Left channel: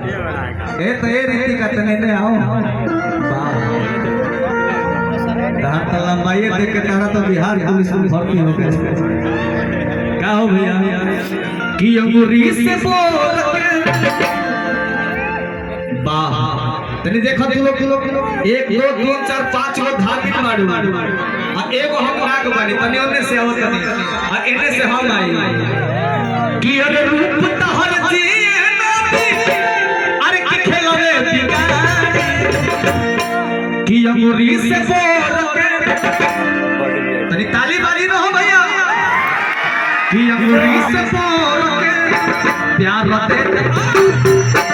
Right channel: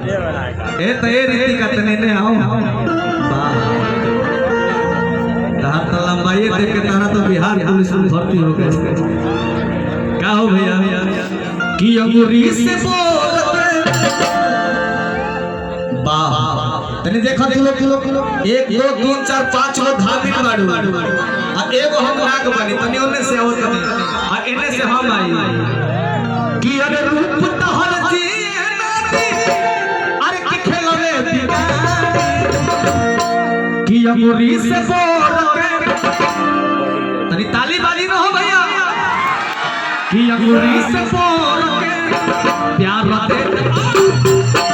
ए तो ये रीति का तने ने आओ वाह तार तो लंबाई देख के तारा तो बिहार पुलिस में भर्ती हो गया क्या हो भैया कि अंगूरी से बोल वाह तने देखो किलो 1 2 3 4 5 गो धार्मिक मारू अब एगो हम नाक बानी तने ओने से आओ तने आ एने से हम आई कि अरे रूप तहर जी अरे कि खेलवे दीवानी कि अंगूरी से बोल के तनी ताली बाजी न हो भैया कि अंगूरी से बोल के प्यार दे